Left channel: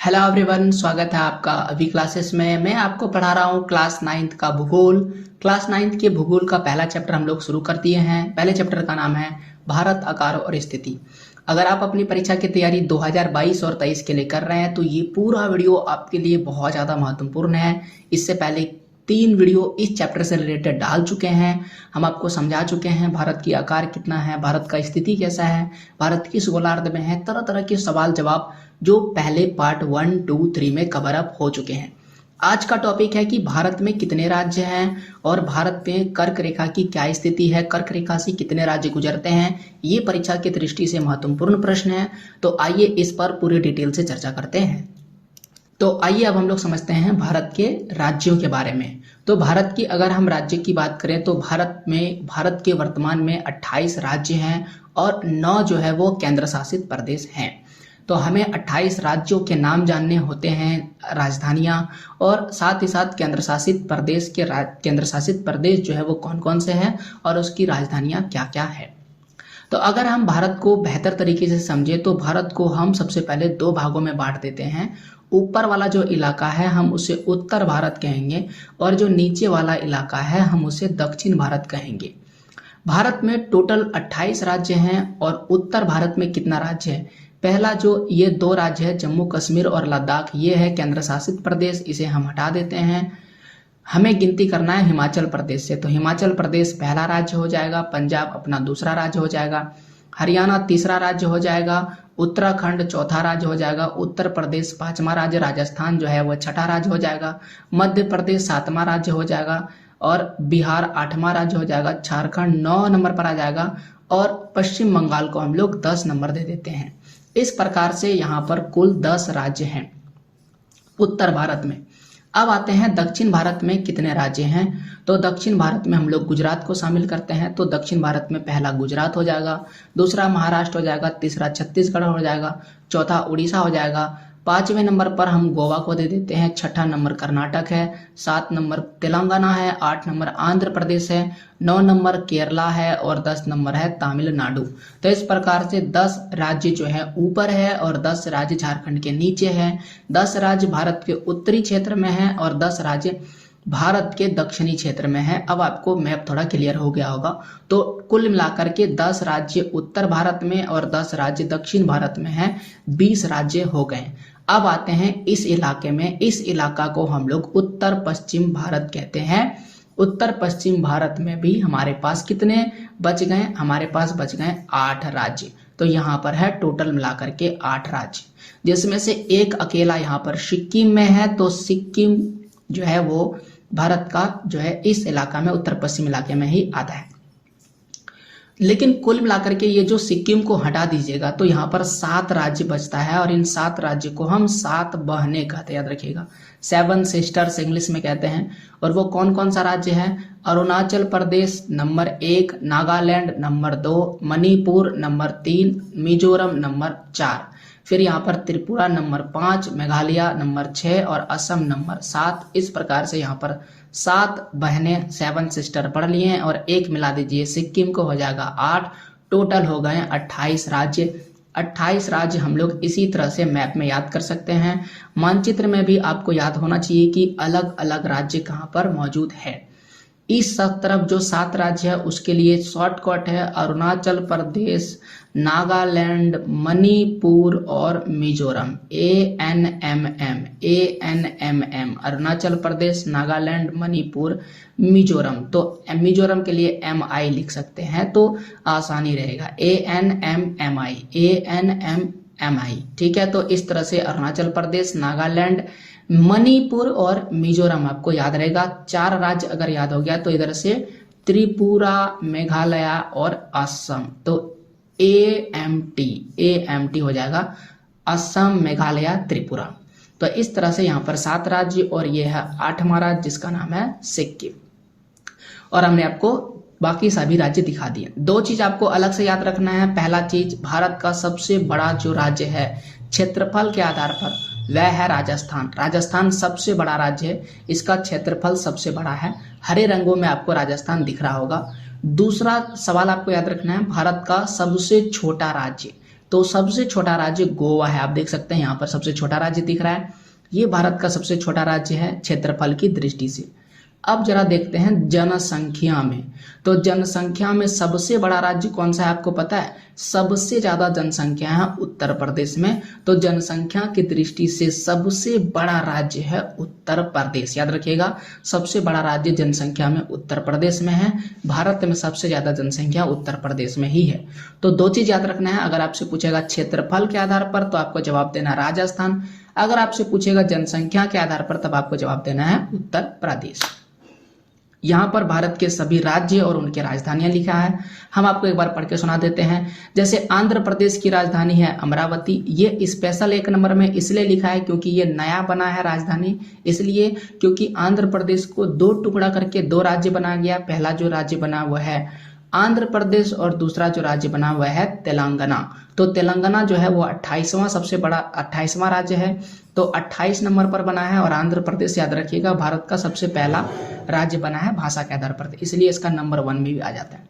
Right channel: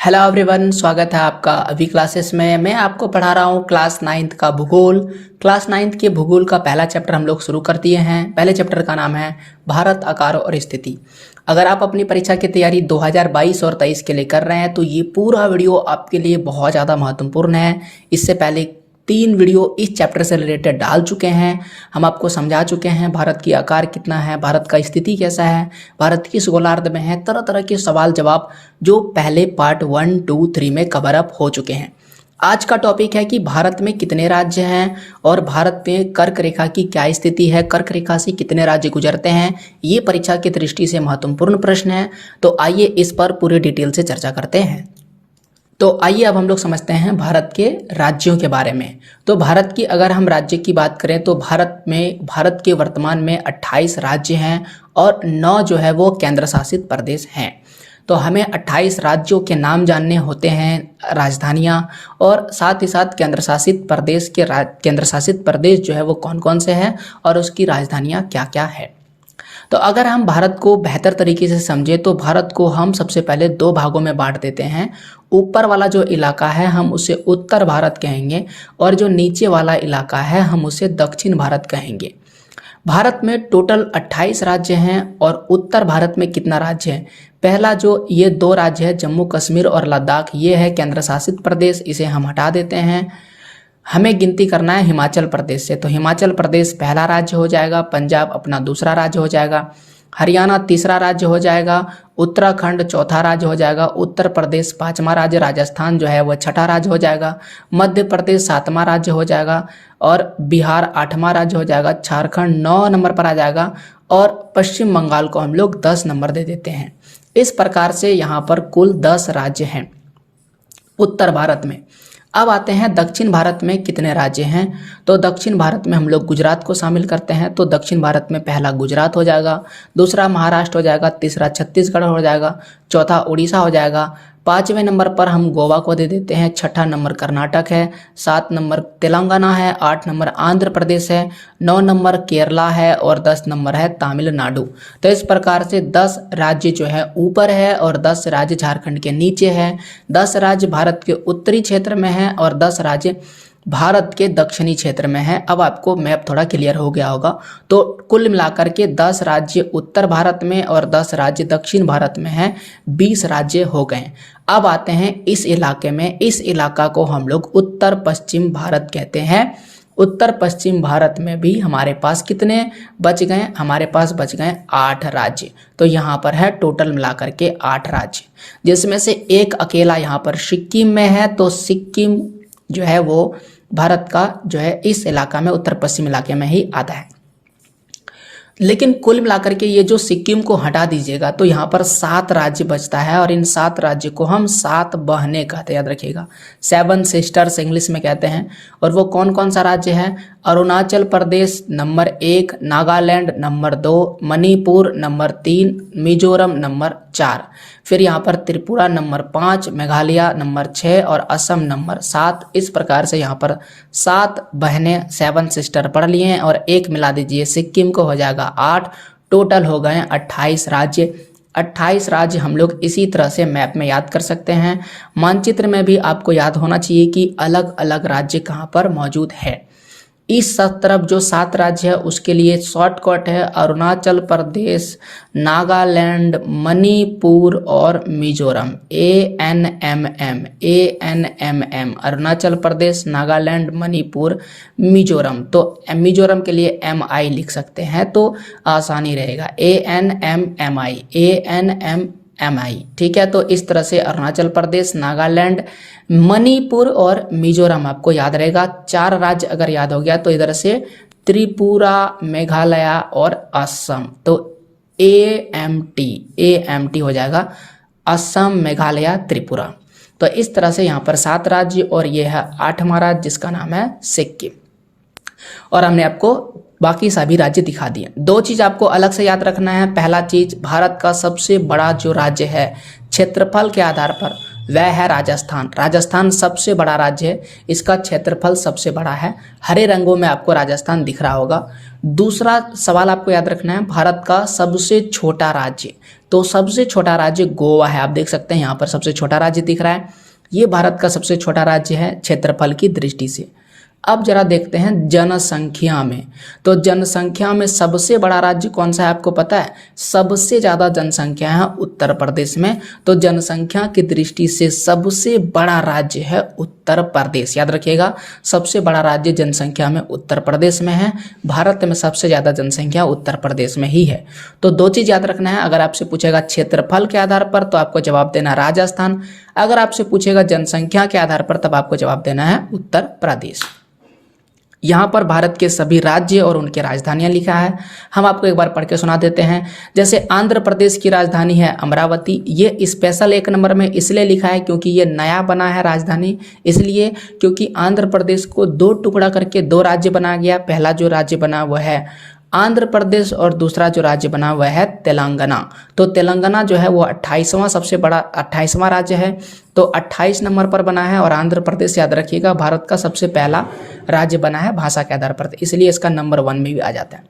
Hello everyone, स्वागत है आपका अभी क्लासेस में। मैं आपको पढ़ा रहा हूँ क्लास नाइन्थ का भूगोल। क्लास नाइन्थ के भूगोल का पहला चैप्टर हम लोग शुरू कर दिए हैं। पहले चैप्टर का नाम है भारत, आकार और स्थिति। अगर आप अपनी परीक्षा की तैयारी 2022 और 23 के लिए कर रहे हैं तो ये पूरा वीडियो आपके लिए बहुत ज़्यादा महत्वपूर्ण है। इससे पहले 3 वीडियो इस चैप्टर से रिलेटेड डाल चुके हैं। हम आपको समझा चुके हैं भारत की आकार कितना है, भारत का स्थिति कैसा है, भारत किस गोलार्ध में है, तरह तरह के सवाल जवाब जो पहले पार्ट 1, 2, 3 में कवर अप हो चुके हैं। आज का टॉपिक है कि भारत में कितने राज्य हैं और भारत में कर्क रेखा की क्या स्थिति है, कर्क रेखा से कितने राज्य गुजरते हैं। ये परीक्षा की दृष्टि से महत्वपूर्ण प्रश्न है। तो आइए इस पर पूरी डिटेल से चर्चा करते हैं। तो आइए अब हम लोग समझते हैं भारत के राज्यों के बारे में। तो भारत की अगर हम राज्य की बात करें तो भारत के वर्तमान में 28 राज्य हैं और 9 जो है वो केंद्र शासित प्रदेश हैं। तो हमें 28 राज्यों के नाम जानने होते हैं, राजधानियां, और साथ ही साथ केंद्र शासित प्रदेश जो है वो कौन कौन से हैं और उसकी राजधानियां क्या क्या है। तो अगर हम भारत को बेहतर तरीके से समझे तो भारत को हम सबसे पहले 2 भागों में बांट देते हैं। ऊपर वाला जो इलाका है हम उसे उत्तर भारत कहेंगे और जो नीचे वाला इलाका है हम उसे दक्षिण भारत कहेंगे। भारत में टोटल 28 राज्य हैं और उत्तर भारत में कितना राज्य है? पहला जो ये 2 राज्य है जम्मू कश्मीर और लद्दाख, ये है केंद्र शासित प्रदेश, इसे हम हटा देते हैं। हमें गिनती करना है हिमाचल प्रदेश से, तो हिमाचल प्रदेश पहला राज्य हो जाएगा, पंजाब अपना दूसरा राज्य हो जाएगा, हरियाणा तीसरा राज्य हो जाएगा, उत्तराखंड चौथा राज्य हो जाएगा, उत्तर प्रदेश 5वां राज्य, राजस्थान जो है वह 6ठा राज्य हो जाएगा, मध्य प्रदेश 7वां राज्य हो जाएगा और बिहार 8वां राज्य हो जाएगा, झारखंड 9 नंबर पर आ जाएगा और पश्चिम बंगाल को हम लोग 10 नंबर दे देते हैं। इस प्रकार से यहाँ पर कुल 10 राज्य हैं उत्तर भारत में। अब आते हैं दक्षिण भारत में कितने राज्य हैं। तो दक्षिण भारत में हम लोग गुजरात को शामिल करते हैं। तो दक्षिण भारत में पहला गुजरात हो जाएगा, दूसरा महाराष्ट्र हो जाएगा, तीसरा छत्तीसगढ़ हो जाएगा, चौथा उड़ीसा हो जाएगा, 5वें नंबर पर हम गोवा को दे देते हैं, 6ठा नंबर कर्नाटक है, 7 नंबर तेलंगाना है, 8 नंबर आंध्र प्रदेश है, 9 नंबर केरला है और 10 नंबर है तमिलनाडु। तो इस प्रकार से 10 राज्य जो है ऊपर है और 10 राज्य झारखंड के नीचे है, 10 राज्य भारत के उत्तरी क्षेत्र में है और 10 राज्य भारत के दक्षिणी क्षेत्र में है। अब आपको मैप थोड़ा क्लियर हो गया होगा। तो कुल मिलाकर के 10 राज्य उत्तर भारत में और 10 राज्य दक्षिण भारत में हैं, 20 राज्य हो गए। अब आते हैं इस इलाके में, इस इलाका को हम लोग उत्तर पश्चिम भारत कहते हैं। उत्तर पश्चिम भारत में भी हमारे पास कितने बच गए? हमारे पास बच गए 8 राज्य। तो यहाँ पर है टोटल मिलाकर के 8 राज्य, जिसमें से एक अकेला यहाँ पर सिक्किम में है। तो सिक्किम जो है वो भारत का जो है इस इलाका में, उत्तर पश्चिम इलाके में ही आता है। लेकिन कुल मिलाकर के ये जो सिक्किम को हटा दीजिएगा तो यहाँ पर 7 राज्य बचता है और इन 7 राज्य को हम 7 बहनें कहते हैं, याद रखिएगा, 7 सिस्टर्स इंग्लिश में कहते हैं। और वो कौन कौन सा राज्य है? Arunachal Pradesh number 1, Nagaland number 2, Manipur number 3, Mizoram number 4, फिर यहाँ पर त्रिपुरा नंबर 5, मेघालय नंबर 6 और असम नंबर 7। इस प्रकार से यहाँ पर 7 बहनें, 7 सिस्टर पढ़ लिए हैं और एक मिला दीजिए सिक्किम को, हो जाएगा 8। टोटल हो गए 28 राज्य। 28 राज्य हम लोग इसी तरह से मैप में याद कर सकते हैं। मानचित्र में भी आपको याद होना चाहिए कि अलग अलग राज्य कहाँ पर मौजूद है। इस तरफ जो 7 राज्य है उसके लिए शॉर्टकट है अरुणाचल प्रदेश, नागालैंड, मणिपुर और मिजोरम। ANMM अरुणाचल प्रदेश, नागालैंड, मणिपुर, मिजोरम। तो मिजोरम के लिए MI लिख सकते हैं तो आसानी रहेगा, ANMMI। ठीक है, तो इस तरह से अरुणाचल प्रदेश, नागालैंड, मणिपुर और मिजोरम आपको याद रहेगा। 4 राज्य अगर याद हो गया तो इधर से त्रिपुरा, मेघालय और असम। तो AMT हो जाएगा, असम, मेघालय, त्रिपुरा। तो इस तरह से यहाँ पर 7 राज्य और ये है 8वां राज्य जिसका नाम है सिक्किम। और हमने आपको बाकी सभी राज्य दिखा दिए। 2 चीज आपको अलग से याद रखना है। पहला चीज, भारत का सबसे बड़ा जो राज्य है क्षेत्रफल के आधार पर वह है राजस्थान। राजस्थान सबसे बड़ा राज्य है, इसका क्षेत्रफल सबसे बड़ा है। हरे रंगों में आपको राजस्थान दिख रहा होगा। दूसरा सवाल आपको याद रखना है, भारत का सबसे छोटा राज्य। तो सबसे छोटा राज्य गोवा है। आप देख सकते हैं यहाँ पर सबसे छोटा राज्य दिख रहा है। ये भारत का सबसे छोटा राज्य है क्षेत्रफल की दृष्टि से। अब जरा देखते हैं जनसंख्या में। तो जनसंख्या में सबसे बड़ा राज्य कौन सा है आपको पता है? सबसे ज़्यादा जनसंख्या है उत्तर प्रदेश में। तो जनसंख्या की दृष्टि से सबसे बड़ा राज्य है उत्तर प्रदेश। याद रखिएगा, सबसे बड़ा राज्य जनसंख्या में उत्तर प्रदेश में है। भारत में सबसे ज़्यादा जनसंख्या उत्तर प्रदेश में ही है। तो दो चीज़ याद रखना है। अगर आपसे पूछेगा क्षेत्रफल के आधार पर तो आपको जवाब देना राजस्थान। अगर आपसे पूछेगा जनसंख्या के आधार पर तब आपको जवाब देना है उत्तर प्रदेश। यहाँ पर भारत के सभी राज्य और उनकी राजधानियाँ लिखा है। हम आपको एक बार पढ़ के सुना देते हैं। जैसे आंध्र प्रदेश की राजधानी है अमरावती। ये स्पेशल 1 नंबर में इसलिए लिखा है क्योंकि ये नया बना है राजधानी, इसलिए क्योंकि आंध्र प्रदेश को 2 टुकड़ा करके 2 राज्य बनाया गया। पहला जो राज्य बना हुआ है आंध्र प्रदेश और दूसरा जो राज्य बना हुआ है तेलंगाना। तो तेलंगाना जो है वो 28वां सबसे बड़ा 28वां राज्य है। तो 28 नंबर पर बना है। और आंध्र प्रदेश याद रखिएगा भारत का सबसे पहला राज्य बना है भाषा के आधार पर, इसलिए इसका नंबर 1 में भी आ जाता है।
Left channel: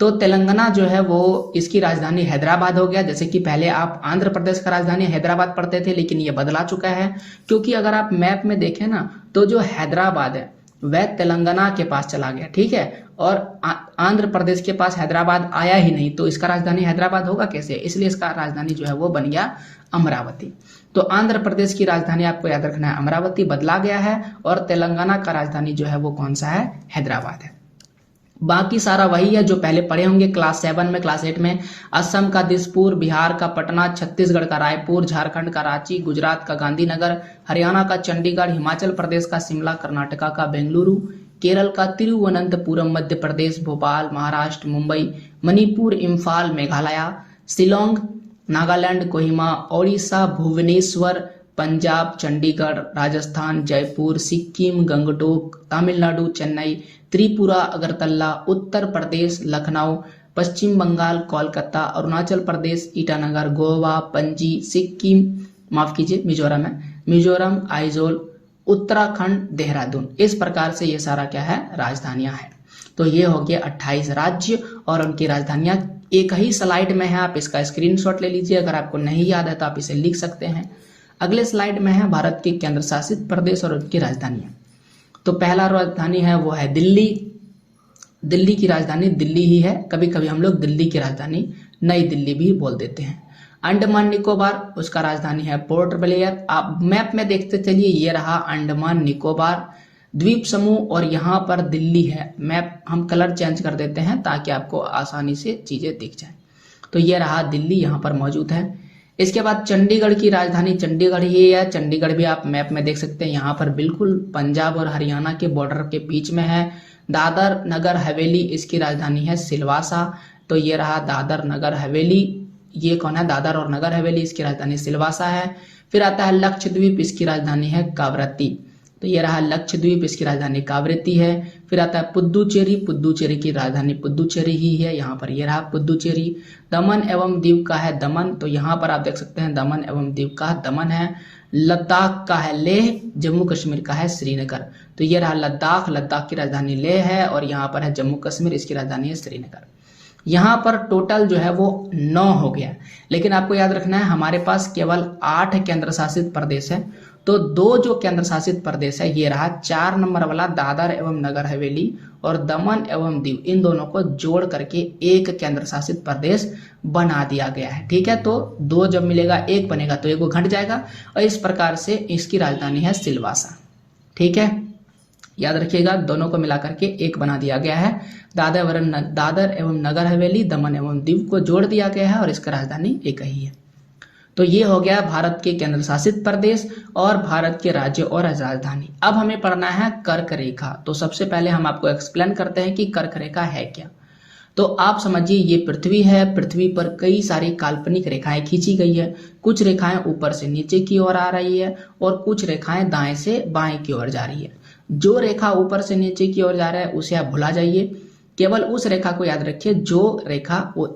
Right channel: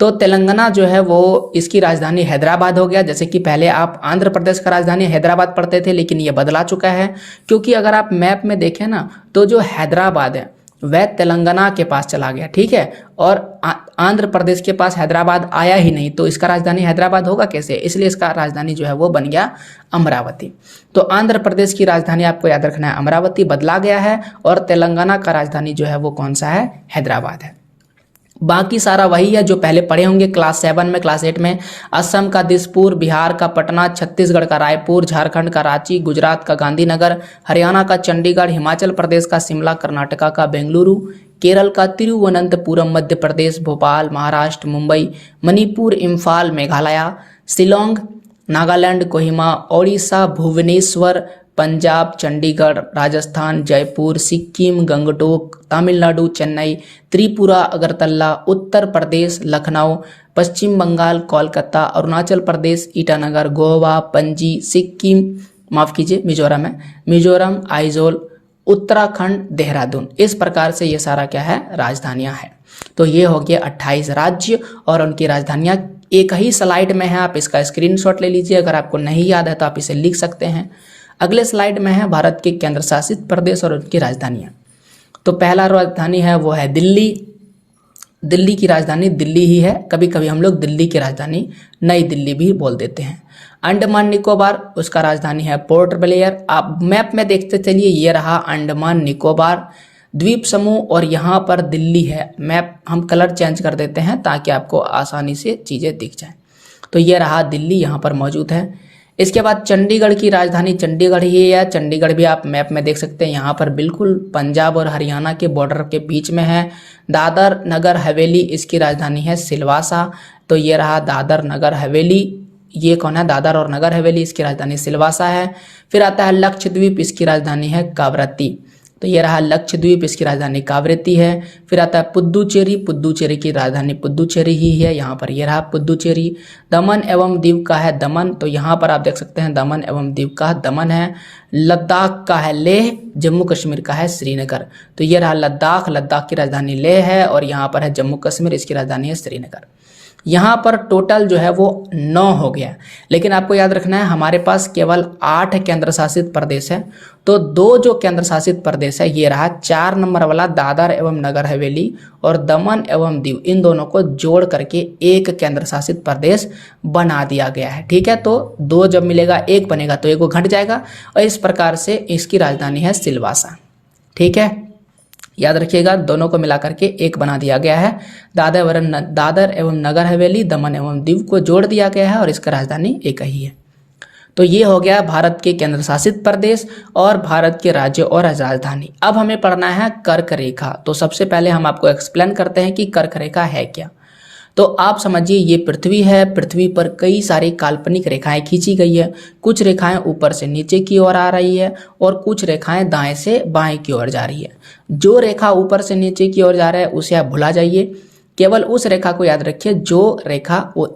तो तेलंगाना जो है वो इसकी राजधानी हैदराबाद हो गया। जैसे कि पहले आप आंध्र प्रदेश का राजधानी हैदराबाद पढ़ते थे, लेकिन ये बदला चुका है क्योंकि अगर आप मैप में देखें ना तो जो हैदराबाद है वह तेलंगाना के पास चला गया, ठीक है। और आंध्र प्रदेश के पास हैदराबाद आया ही नहीं, तो इसका राजधानी हैदराबाद होगा कैसे? इसलिए इसका राजधानी जो है वो बन गया अमरावती। तो आंध्र प्रदेश की राजधानी आपको याद रखना है अमरावती, बदला गया है। और तेलंगाना का राजधानी जो है वो कौन सा है? हैदराबाद है। बाकी सारा वही है जो पहले पढ़े होंगे क्लास 7 में, क्लास 8 में। असम का दिसपुर, बिहार का पटना, छत्तीसगढ़ का रायपुर, झारखंड का रांची, गुजरात का गांधीनगर, हरियाणा का चंडीगढ़, हिमाचल प्रदेश का शिमला, कर्नाटका का बेंगलुरु, केरल का तिरुवनंतपुरम, मध्य प्रदेश भोपाल, महाराष्ट्र मुंबई, मणिपुर इम्फाल, मेघालय शिलोंग, नागालैंड कोहिमा, ओडिशा भुवनेश्वर, पंजाब चंडीगढ़, राजस्थान जयपुर, सिक्किम गंगटोक, तमिलनाडु चेन्नई, त्रिपुरा अगरतला, उत्तर प्रदेश लखनऊ, पश्चिम बंगाल कोलकाता, अरुणाचल प्रदेश ईटानगर, गोवा पणजी, सिक्किम माफ कीजिए मिजोरम है, मिजोरम आइजोल, उत्तराखंड देहरादून। इस प्रकार से ये सारा क्या है? राजधानियां हैं। तो ये हो गया 28 राज्य और उनकी राजधानियां। एक ही स्लाइड में है, आप इसका स्क्रीनशॉट ले लीजिए। अगर आपको नहीं याद है तो आप इसे लिख सकते हैं। अगले स्लाइड में है भारत के केंद्र शासित प्रदेश और उनकी राजधानियां। तो पहला राजधानी है वो है दिल्ली। दिल्ली की राजधानी दिल्ली ही है, कभी कभी हम लोग दिल्ली की राजधानी नई दिल्ली भी बोल देते हैं। अंडमान निकोबार, उसका राजधानी है पोर्ट ब्लेयर। आप मैप में देखते चलिए, ये रहा अंडमान निकोबार द्वीप समूह और यहाँ पर दिल्ली है। मैप हम कलर चेंज कर देते हैं ताकि आपको आसानी से चीज़ें दिख जाएं। तो ये रहा दिल्ली, यहाँ पर मौजूद है। इसके बाद चंडीगढ़ की राजधानी चंडीगढ़ ही है। चंडीगढ़ भी आप मैप में देख सकते हैं, यहाँ पर बिल्कुल पंजाब और हरियाणा के बॉर्डर के बीच में है। दादर नगर हवेली, इसकी राजधानी है सिलवासा। तो ये रहा दादर नगर हवेली। ये कौन है? दादर और नगर हवेली, इसकी राजधानी सिलवासा है। फिर आता है लक्षद्वीप, इसकी राजधानी है कावरत्ती। तो ये रहा लक्षद्वीप, इसकी राजधानी कावरत्ती है। फिर आता है पुद्दुचेरी, पुद्दुचेरी की राजधानी पुद्दुचेरी ही है। यहाँ पर ये रहा पुद्दुचेरी। दमन एवं दीव का है दमन, तो यहाँ पर आप देख सकते हैं दमन एवं दीव का दमन है। लद्दाख का है लेह, जम्मू कश्मीर का है श्रीनगर। तो ये रहा लद्दाख, लद्दाख की राजधानी लेह है और यहाँ पर है जम्मू कश्मीर, इसकी राजधानी है श्रीनगर। यहाँ पर टोटल जो है वो 9 हो गया, लेकिन आपको याद रखना है हमारे पास केवल 8 केंद्र शासित प्रदेश है। तो 2 जो केंद्र शासित प्रदेश है ये रहा 4 नंबर वाला दादर एवं नगर हवेली और दमन एवं दीव, इन दोनों को जोड़ करके एक केंद्र शासित प्रदेश बना दिया गया है। ठीक है, तो 2 जब मिलेगा 1 बनेगा तो 1 घट जाएगा और इस प्रकार से इसकी राजधानी है सिलवासा। ठीक है, याद रखिएगा दोनों को मिलाकर के एक बना दिया गया है। दादर एवं नगर हवेली, दमन एवं दीव को जोड़ दिया गया है और इसका राजधानी एक ही है। तो ये हो गया भारत के केंद्र शासित प्रदेश और भारत के राज्य और राजधानी। अब हमें पढ़ना है कर्क रेखा। तो सबसे पहले हम आपको एक्सप्लेन करते हैं कि कर्क रेखा है क्या। तो आप समझिए ये पृथ्वी है, पृथ्वी पर कई सारी काल्पनिक रेखाएं खींची गई है। कुछ रेखाएं ऊपर से नीचे की ओर आ रही है और कुछ रेखाएं दाएं से बाएं की ओर जा रही है। जो रेखा ऊपर से नीचे की ओर जा रहा है उसे आप भुला जाइए, केवल उस रेखा को याद रखिए जो रेखा वो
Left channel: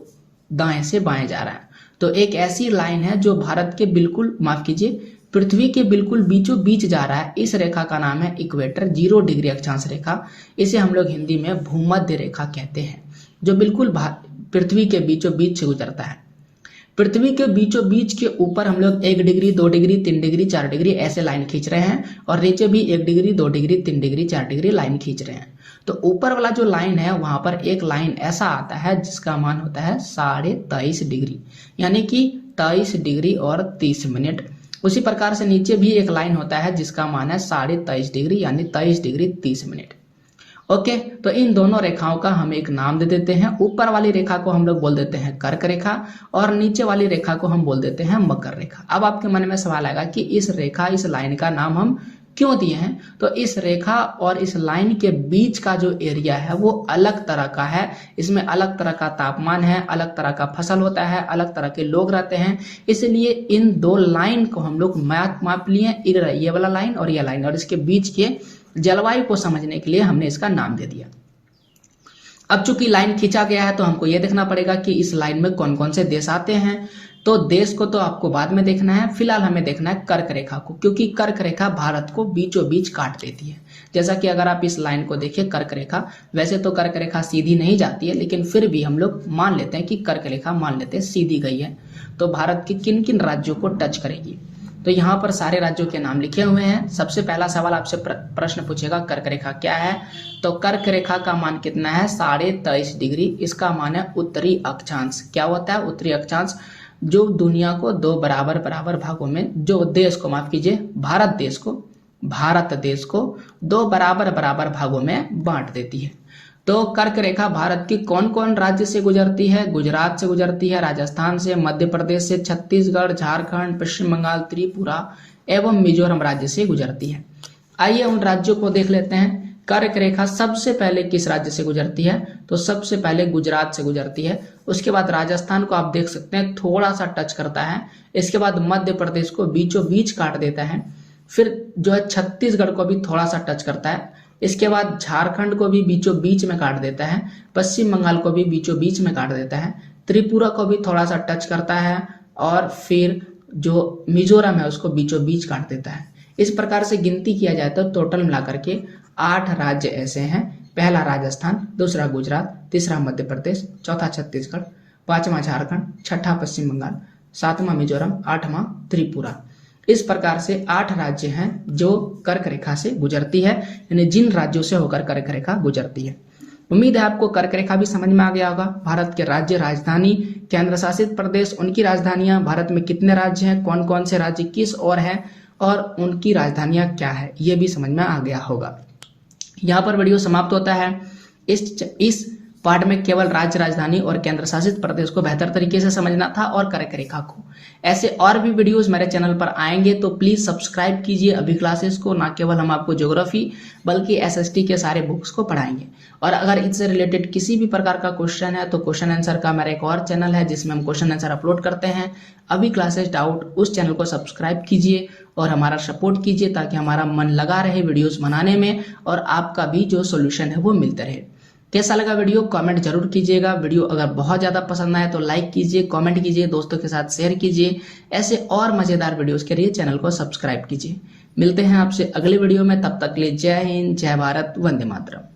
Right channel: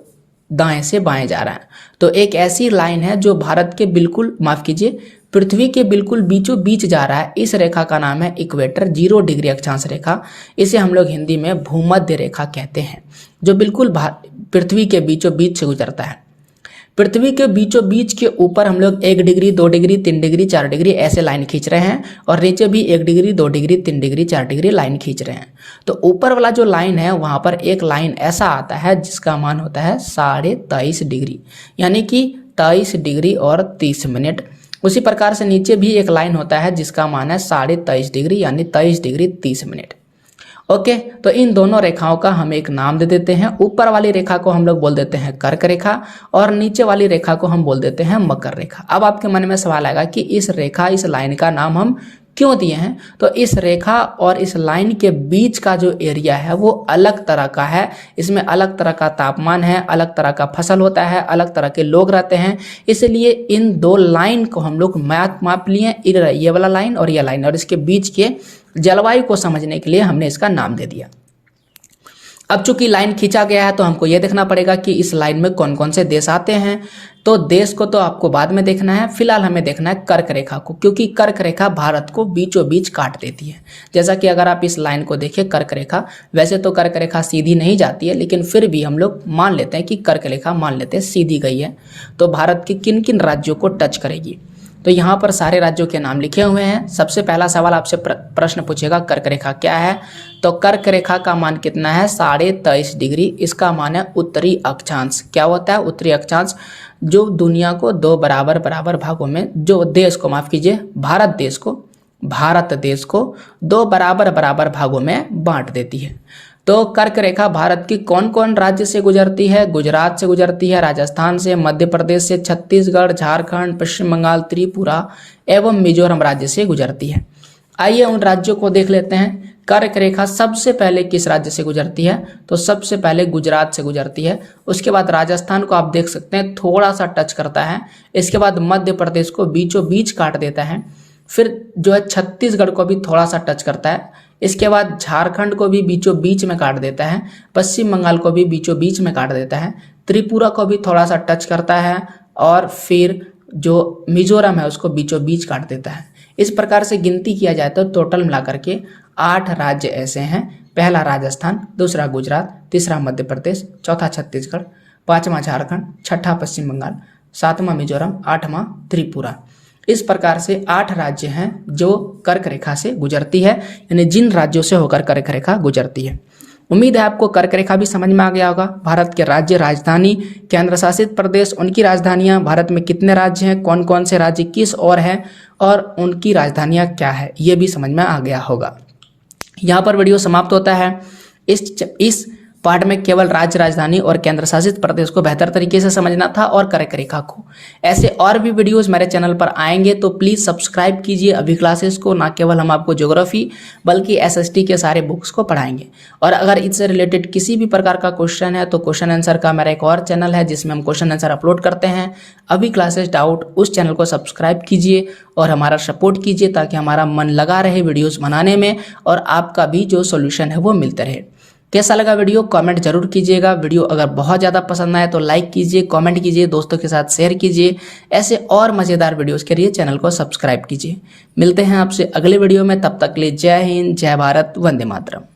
दाएं से बाएं जा रहा है। तो एक ऐसी लाइन है जो भारत के बिल्कुल माफ कीजिए पृथ्वी के बिल्कुल बीचों बीच जा रहा है। इस रेखा का नाम है इक्वेटर, 0 डिग्री अक्षांश रेखा। इसे हम लोग हिंदी में भूमध्य रेखा कहते हैं, जो बिल्कुल पृथ्वी के बीचों बीच से गुजरता है। पृथ्वी के बीचों बीच के ऊपर हम लोग 1 डिग्री 2 डिग्री 3 डिग्री 4 डिग्री ऐसे लाइन खींच रहे हैं और नीचे भी 1 degree 2 degree 3 degree 4 degree line खींच रहे हैं। तो ऊपर वाला जो लाइन है वहां पर एक लाइन ऐसा आता है जिसका मान होता है 23.5 डिग्री, यानी कि 23 डिग्री और 30 मिनट। उसी प्रकार से नीचे भी एक लाइन होता है जिसका मान है 23.5 डिग्री यानी 23 डिग्री 30 मिनट। ओके, तो इन दोनों रेखाओं का हम एक नाम दे देते हैं। ऊपर वाली रेखा को हम लोग बोल देते हैं कर्क रेखा और नीचे वाली रेखा को हम बोल देते हैं मकर रेखा। अब आपके मन में सवाल आएगा कि इस रेखा, इस लाइन का नाम हम क्यों दिए हैं? तो इस रेखा और इस लाइन के बीच का जो एरिया है वो अलग तरह का है। इसमें अलग तरह का तापमान है, अलग तरह का फसल होता है, अलग तरह के लोग रहते हैं। इसलिए इन दो लाइन को हम लोग माप लिए, ये वाला लाइन और ये लाइन, और इसके बीच के जलवायु को समझने के लिए हमने इसका नाम दे दिया। अब चूंकि लाइन खींचा गया है तो हमको यह देखना पड़ेगा कि इस लाइन में कौन कौन से देश आते हैं। तो देश को तो आपको बाद में देखना है, फिलहाल हमें देखना है कर्क रेखा को, क्योंकि कर्क रेखा भारत को बीचों बीच काट देती है। जैसा कि अगर आप इस लाइन को देखें कर्क रेखा, वैसे तो कर्क रेखा सीधी नहीं जाती है, लेकिन फिर भी हम लोग मान लेते हैं कि कर्क रेखा मान लेते हैं सीधी गई है। तो भारत के किन किन राज्यों को टच करेगी? तो यहाँ पर सारे राज्यों के नाम लिखे हुए हैं। सबसे पहला सवाल आपसे प्रश्न पूछेगा कर्क रेखा क्या है? तो कर्क रेखा का मान कितना है? 23.5 डिग्री। इसका मान है उत्तरी अक्षांश। क्या होता है उत्तरी अक्षांश? जो दुनिया को दो बराबर बराबर भागों में, जो देश को, माफ कीजिए, भारत देश को दो बराबर बराबर भागों में बांट देती है। तो कर्क रेखा भारत की कौन कौन राज्य से गुजरती है? गुजरात से गुजरती है, राजस्थान से, मध्य प्रदेश से, छत्तीसगढ़, झारखंड, पश्चिम बंगाल, त्रिपुरा एवं मिजोरम राज्य से गुजरती है। आइए उन राज्यों को देख लेते हैं। कर्क रेखा सबसे पहले किस राज्य से गुजरती है? तो सबसे पहले गुजरात से गुजरती है। उसके बाद राजस्थान को आप देख सकते हैं थोड़ा सा टच करता है। इसके बाद मध्य प्रदेश को बीचों बीच काट देता है। फिर जो है छत्तीसगढ़ को भी थोड़ा सा टच करता है। इसके बाद झारखंड को भी बीचों बीच में काट देता है। पश्चिम बंगाल को भी बीचों बीच में काट देता है। त्रिपुरा को भी थोड़ा सा टच करता है और फिर जो मिजोरम है उसको बीचों बीच काट देता है। इस प्रकार से गिनती किया जाए तो टोटल मिलाकर के 8 राज्य ऐसे हैं। पहला राजस्थान, दूसरा गुजरात, तीसरा मध्य प्रदेश, चौथा छत्तीसगढ़, पांचवा झारखंड, छठा पश्चिम बंगाल, सातवां मिजोरम, आठवां त्रिपुरा। इस प्रकार से 8 राज्य हैं जो कर्क रेखा से गुजरती है, यानी जिन राज्यों से होकर कर्क रेखा गुजरती है। उम्मीद है आपको कर्क रेखा भी समझ में आ गया होगा। भारत के राज्य, राजधानी, केंद्र शासित प्रदेश, उनकी राजधानियां, भारत में कितने राज्य हैं, कौन कौन से राज्य किस ओर हैं और उनकी राजधानियां क्या है, ये भी समझ में आ गया होगा। यहाँ पर वीडियो समाप्त होता है। इस पार्ट में केवल राज्य, राजधानी और केंद्र शासित प्रदेश को बेहतर तरीके से समझना था और कर्क रेखा को। ऐसे और भी वीडियोस मेरे चैनल पर आएंगे तो प्लीज सब्सक्राइब कीजिए अभी क्लासेस को। ना केवल हम आपको ज्योग्राफी बल्कि एसएसटी के सारे बुक्स को पढ़ाएंगे। और अगर इससे रिलेटेड किसी भी प्रकार का क्वेश्चन है तो क्वेश्चन आंसर का मेरा एक और चैनल है जिसमें हम क्वेश्चन आंसर अपलोड करते हैं, अभी क्लासेस डाउट। उस चैनल को सब्सक्राइब कीजिए और हमारा सपोर्ट कीजिए ताकि हमारा मन लगा रहे वीडियोस बनाने में और आपका भी जो सोल्यूशन है वो मिलते रहे। कैसा लगा वीडियो कमेंट जरूर कीजिएगा। वीडियो अगर बहुत ज़्यादा पसंद आए तो लाइक कीजिए, कमेंट कीजिए, दोस्तों के साथ शेयर कीजिए। ऐसे और मज़ेदार वीडियोस के लिए चैनल को सब्सक्राइब कीजिए। मिलते हैं आपसे अगले वीडियो में, तब तक के लिए जय हिंद, जय भारत, वंदे मातरम।